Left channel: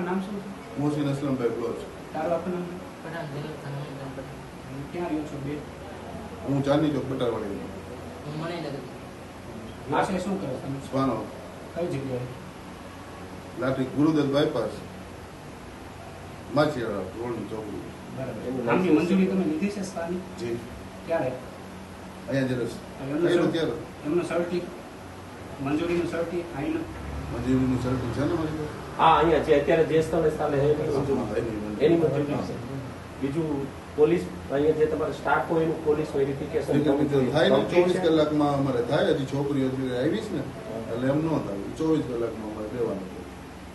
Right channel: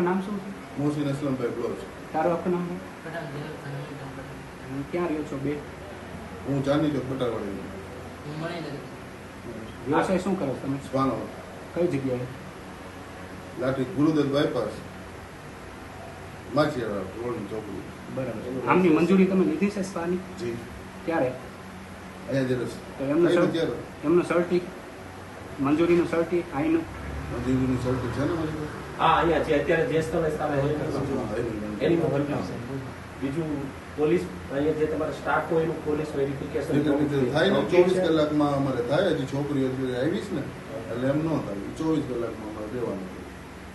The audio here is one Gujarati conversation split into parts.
આખું નામ શું છે? મોહસિન અસલમભાઈ બ્લોચ. તારું આખું નામ? ક્યાં રહ્યો છો બે? હું ચાંદની ચોક બટાવાડી. વ્યવસાય શું કરો તમે? સ્પાનો કઈ જગ્યાએ? લાઠી ગુરુદત્ત બાયપાસ માછીવાડા રોડની ચોકડી. બરાબર. આમની મંજૂરી તમે લીધી છે સ્પાની? જી. ક્યારે? અહીંયા જ રસ તો એમનું ક્યારે સર્ટિ- એમનું સર્ટિ મંજૂરીનું સર્ટિ આઈનું મંજૂરીનું સર્ટિ છે ને મારી પાસે? હા, અહીંયા છે અત્યારે દેશ તમે સામે એની મંજૂરી છે. બીજું પોલીસ અહીંયા જે તમારો સ્ટાફ હોય એનું પોલીસ વેરિફિકેશન થાય ને 24 કલાકમાં અમારે થાય. હજી છોકરીઓ આવી છે ને એટલે એમ ન થાય. 24 કલાકમાં અમારે દેવાનું.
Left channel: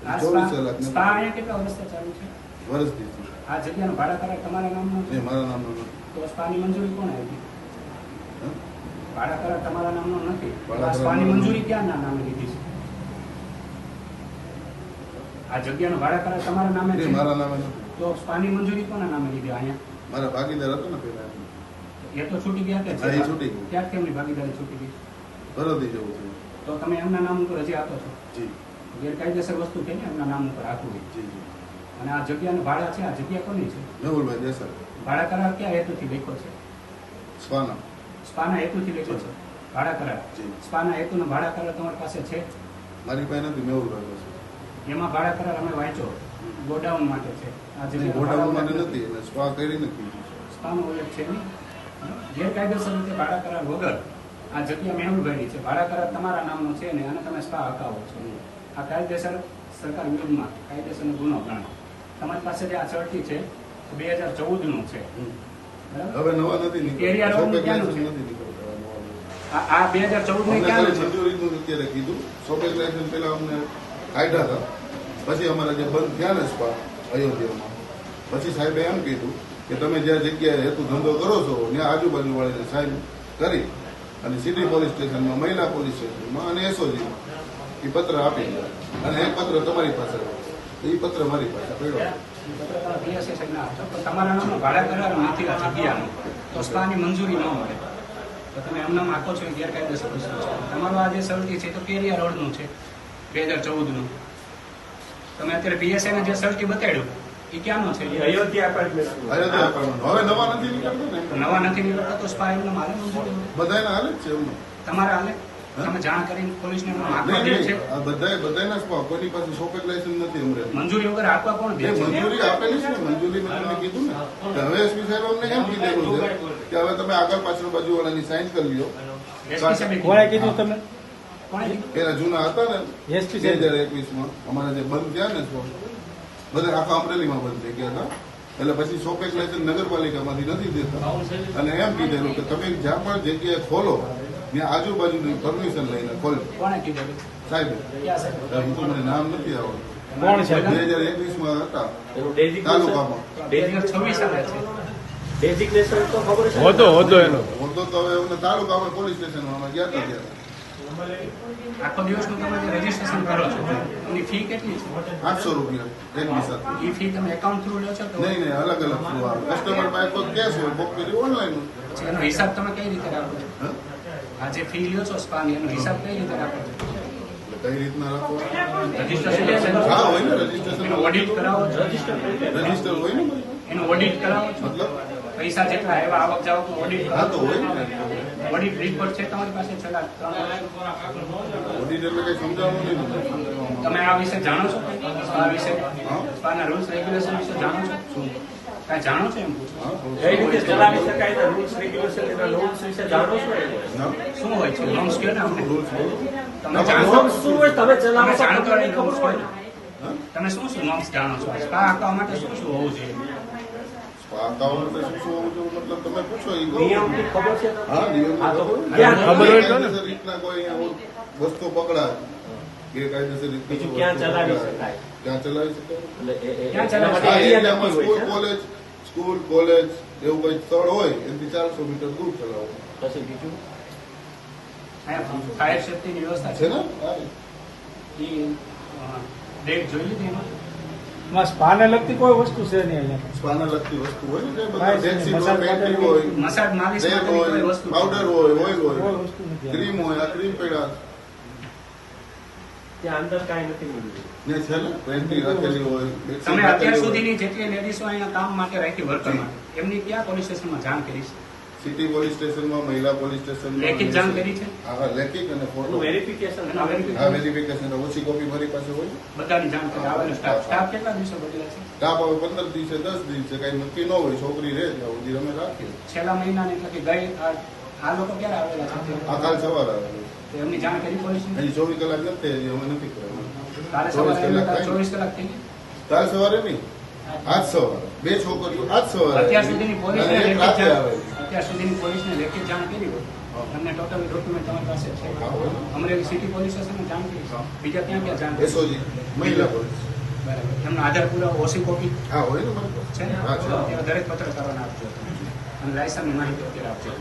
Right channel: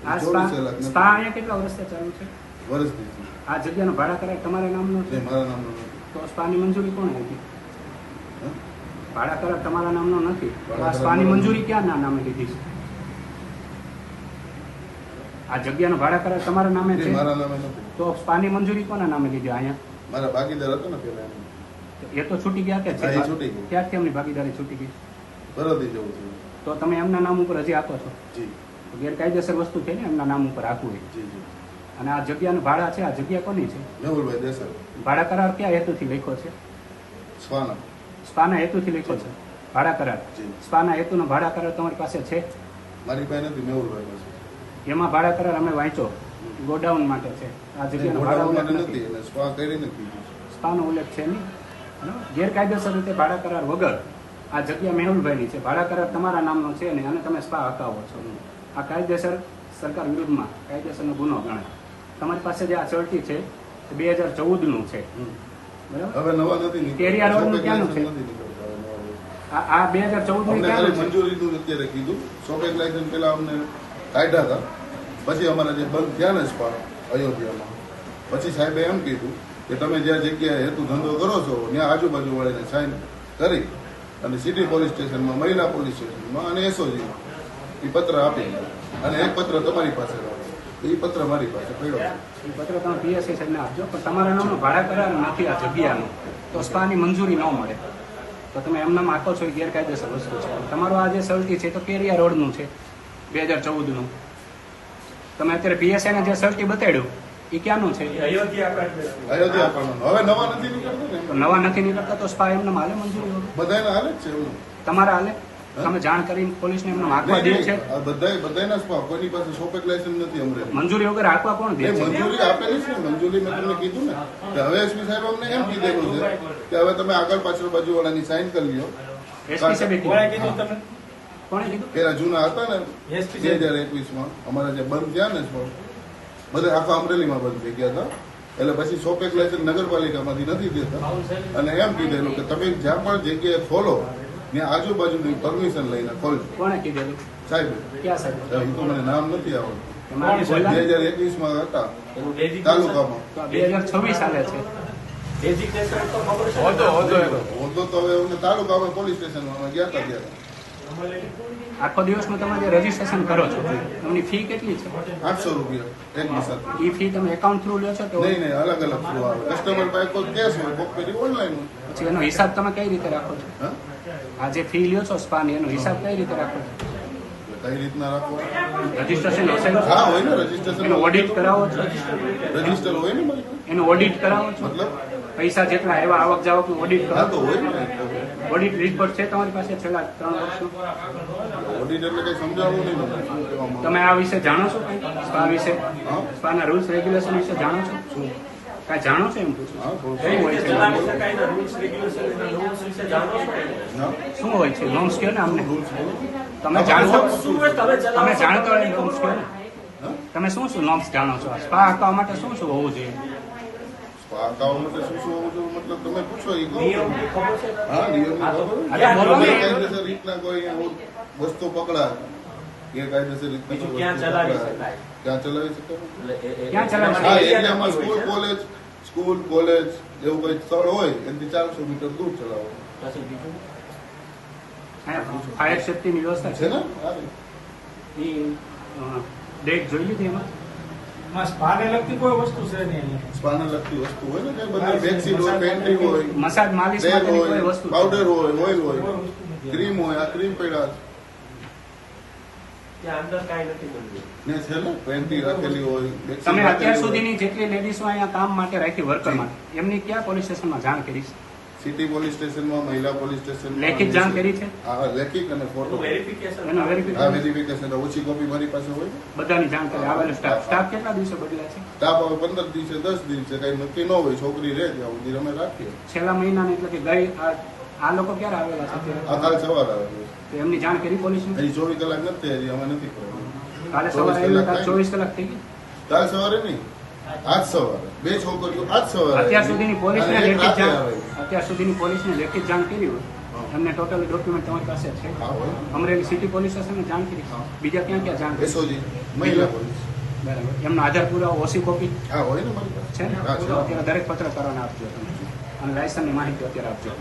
આ 24 કલાક સ્પા અહીંયા કેટલા વર્ષથી ચાલુ છે? વર્ષથી આ જગ્યાનો ભાડા કરાર તમારા નામનો છે? મારા નામનો નથી. તો સ્પાની મંજૂરી કોણ આપી? હા? ભાડા કરાર તમારા નામનો નથી. ભાડા આ કરાર સ્પાની નામનો મંજૂરી ક્યાં નામે લીધી છે? આ જગ્યાનો ભાડા કરાર તમારા નામે છે? મારા નામે નથી. તો સ્પાની મંજૂરી કોના નામે લીધી અહીંયા? મારા ભાગીદાર હતો ને પેલા એમ. એ તો છૂટી ગયા કે હા, એ છૂટી ગયું. ત્યારથી એમની ભાગીદારી છૂટી ગઈ. ભરતી જવું છે. તો તમે એમના નામ ઉપર હજી આપો છો? જી ગેરકાયદેસર વસ્તુ છે ને એમના નામ ઉપર આપવું હોય. જી જી. અને આ જગ્યાનું ભાડા છે, આ જગ્યા કોની છે? મેહુલભાઈ દેસાઈ. ભાડા કરાર કયા હેતુથી લખ્યો છે? સ્વાના. સ્પાના હેતુથી લખ્યો છે ભાડા કરાર. જી. સ્પાના હેતુનો ભાડા કરાર તમારી પાસે છે? મારી પાસે નથી. મેહુલભાઈ પાસે. એમાં ભાડા કરાર અમે વાંચો ગોડાઉન માટે છે. આ જગ્યાનો ગોડાઉન ભાડા માટે ઉલ્લેખ નથી. એટલે સ્વા કરી નથી. સ્પાનો ઉલ્લેખ છે નહીં. ગેરકાયદેસર રીતે ભાડા કરાર વગર આ જગ્યા મેહુલભાઈની છે. ભાડા કરાર તમારા નામનો છે ને અને તમે સ્પા હકાવો છો. આ કાયદેસર સરકાર વિરુદ્ધમાં કાયદેસરનો ગુનો ગણાય. તમારી પાસે જે આ ચડતી છે 2014 નું છે. બરાબર? હવે નવા નથી કેરિયા રોડનું ક્યાંનું છે? નથી નીકળતા હવે નવા. આ 2014 અમને ની ખાલી ક્યાં છે? મંજૂરીનું અત્યારે કીધું. શોપેક લાયસન્સ પેલા અમને કાઢ્યા હતા. પછી અમારા જે બંધ થયા ને સ્પા અયોધ્યામાં, પછી સાહેબે એમ કીધું કે તમે જ્યાં જગ્યાએ હેતુ ધંધો કરો છો ત્યાં આજુબાજુ વાળીને સાઇન કરી અને સિટી પોલીસ સ્ટેશનમાં, મહિલા પોલીસ સ્ટેશનમાં અને એસઓજીમાં એ પત્ર આપી દે. અને એક પત્ર તમારી પાસે રાખો. એ પત્ર મારી પાસે પડ્યો. પત્ર તમે PSI સાહેબને આપજો. પણ તમારા નામનો ભાડા કરાર નથી આ જગ્યાનો. તો સ્પાની મંજૂરી ન મળે. તો તમે એમનામ આપો છો એ ગેરકાયદેસર વસ્તુ છે. તમારું આ જે સર્ટી છે તો કેરિયા રોડનું છે 2014 નું. તમે અત્યારે PSI ને જે સર્ટી બતાડ્યું એ ક્યાંનું છે? અયોધ્યા એપાર્ટમેન્ટ. અયોધ્યા કરવાનું. હવે નવા નથી નીકળતું ને. તો નવા નથી નીકળતા તો સ્પા એમને માલે મંજૂરી હોય. બધાને હાલે જ છે એમનું. તમારા હાલે તમે જાણ કરીને પોલીસને એમનો હાથમાં દે છે? બધાના સ્પા કોઈની પાસે શોપેક લાયસન્સ નથી અમરેલી. મંજૂરી વગર હાથમાં કોણ દે એ છે? મંજૂરી આપેલી છે ને. મંજૂરી મેં તમને કીધું ને કે હવે એસપી સાહેબ અમને એમ કીધેલું છે કે હવે તમે આગળ પાછળ બાજુ વાળાની સાઇન કરી લો. SP સાહેબે કોણે કીધું. કીધું તમે? કોણે કીધું? પેલા જૂના હતા ને SP 2021માં અમારા જે બંધ થયા ને શો, બધા આખા અમરેલીમાં બંધ થઈ ગયા હતા. એટલે પછી શોપેક લાયસન્સ નગરપાલિકામાંથી નથી દેતા અને એમ કીધેલું કે તમે જ્યાં પણ જગ્યાએ ખોલો ત્યાં આજુબાજુની પરમિશન લઈને ખોલજો. કોણે કીધેલું? સાહેબ ક્યાં સાહેબ? એ તો મને નામ નથી આવડતું. તમારે બોલા? 2021માં હતા એનું designation- તાલુકામાં. 2026 આવે છે. designation તો ખબર છે? હોતો તો હવે અમને તાલુકામાં પોલીસ સ્ટેશનમાં અમે ગયા હતા ત્યારે આખો દિવસનું તમે જે રજીસ્ટ્રેશન કરો છો એમની ફી કેટલી છે? 800 રૂપિયા એક મસાજ. એ ફી તમે એકાઉન્ટ થ્રુ લો છો તો નહીં નહીં, અલગ અલગ થ્રુ આવે. કસ્ટમર પાસે કોઈ કેશ હોય બુક કરી ઓનલાઈન. પછી એનો હિસાબ તમે કઈ રીતે રાખો છો? આ જે ફી લ્યો છો સ્પાની એનો હિસાબ કઈ રીતે રાખો છો? કઈ રીતના રાખો? રજીસ્ટ્રેશન હા હોય ને રજીસ્ટ્રેશન. ઓડિટ કરાવો છો? રજીસ્ટર હોય ને મારી પાસે. એનું ઓડિટ કરાવો છો? મતલબ પૈસા જેટલા એવા આવક જાવકનું ઓડિટ હા તો કરાવો? હોય ને. ઓડિટ રિપોર્ટ છે તમારી પાસે છેલ્લા 3 વર્ષનું? ઓડિટ એટલે કઈ સમજાવવું નહીં મને. શું કહેવામાં તમે આ વિશે જાણો છો કંઈ? સ્પા વિશે, હા? સ્પાના રૂલ્સ રેગ્યુલેશન વિશે જાણો છો? શું? કાંઈ જાણો છો એમ પૂછું? હા થોડું કઈ રીતે ચલાવી શકાય એના rules, regulation, એના norms વિશે જાણો છો? હા? શું હોય છે નોમ્સ કે ને અમને રૂલ્સ બોલો. તમે જાણો છો? શું હોય તમે તમે ચલાવો જાણતો નહીં નોમ્સ કે હા? તમે શું શું નોમ્સ જાણો છો? સ્પા આપવા માટે શું શું હોવું જોઈએ? અકાઉન્ટ માટે શું શું હોવું જોઈએ? મતલબ તમે પૂછો એ કહું. નિયમની ખબર છે? હા નિયમની ખબર. ક્યાં? ગેરકાયદેસર રીતના કોઈ અહીંયા વસ્તુ પકડાય, ગેરકાયદેસર રીતના બીજું કોઈ ક્યાં વસ્તુ ચલાવી પકડાય. શકાય? ક્યાં ચલાવી શકાય? ક્યાં ચલાવવા? હા એરિયામાં સ્કૂલ કોલેજ એવું કઈ સ્થળ હોય એનાથી 400 મીટર દૂર ચલાવો પછી બીજું ફાયર સેફ્ટીની વ્યવસ્થા છે ને. હા. ડેટ જોઈ લીધી એમાં? સ્પાને લગતી કોઈ વસ્તુ છે નહીં અહીંયા. સ્પાને લગતી વસ્તુ હોય ને કે બધા બેડશીટ હોય, પેન્ટિંગ હોય, મસાજ માલિશ તેલ માટેની હોય, કોઈ વસ્તુ છે? પાવડર હોય, ઓઇલ હોય, ક્રીમ હોય. આ ક્રીમ પડ્યા ત્યાં અંદર કાંઈ નથી મળતું. ને છે ને પેન્ટી રાખેલી હોય બેકસીટ તમે અત્યાર રાખેલી હોય. સુધીની જેટલી લેડીઝો અહીંયા કામ માટે રાખી વર્કર માટે એમની ક્યાં પોલીસ સ્ટેશનમાં જાણ કરી છે? સિટી પોલીસ સ્ટેશનમાં, મહિલા પોલીસ સ્ટેશનમાં લેખિત જાણ કરી છે? હા, લેખિત અને ફોટો. એનું વેરિફિકેશન એનું આ verification વેરિફિકેશન ઓછી કોપી મારી પાસે હોય. બધાની જાણ કરી આવેલો સ્ટાફ કેટલા દિવસો બદલાય છે? તાપ આવે 15 દિવસે 10 દિવસે કઈ નક્કી ન હોય, છોકરી રહે ત્યાં સુધી અમે રાખીએ. છેલ્લા મહિનાની એટલે કે ગઈ આ લોકો ક્યારે આવેલા છે? આ કાલ સવારે આવેલું. તો એમની જાણ કરી પોલીસને? હજી 24 કલાક નથી, હજી અમે નથી કરાવ્યું. કાલે 24 સવારે કલાક થાય. 24 કલાક થઈ ગઈ. કાલ સવારે નહીં, આજ સવારે 2 છોકરીઓ આજ સવારે અત્યાર સુધીની પોલીસને અને એક લેખિત રાતે જાણ આવે. અત્યાર સુધીની પોલીસને લેખિત જાણ કરી હોય એમને ટોટલ ડોક્યુમેન્ટ તમારી પાસે છે? હા, હોય ને. અમરેલી સિટી પોલીસ સ્ટેશનને જાણ કરી હા. બીજા ક્યાં ક્યાં જાણ કરી? SOG, મહિલા પોલીસ. એમનો આધાર પુરાવો ઓછી કોપી હા, હોય ને મારી પાસે. છે ને? હા, છે. અત્યારે દરેક પત્રકારોને આપજો અને લાયસન્સની માહિતી અત્યારે આપજો.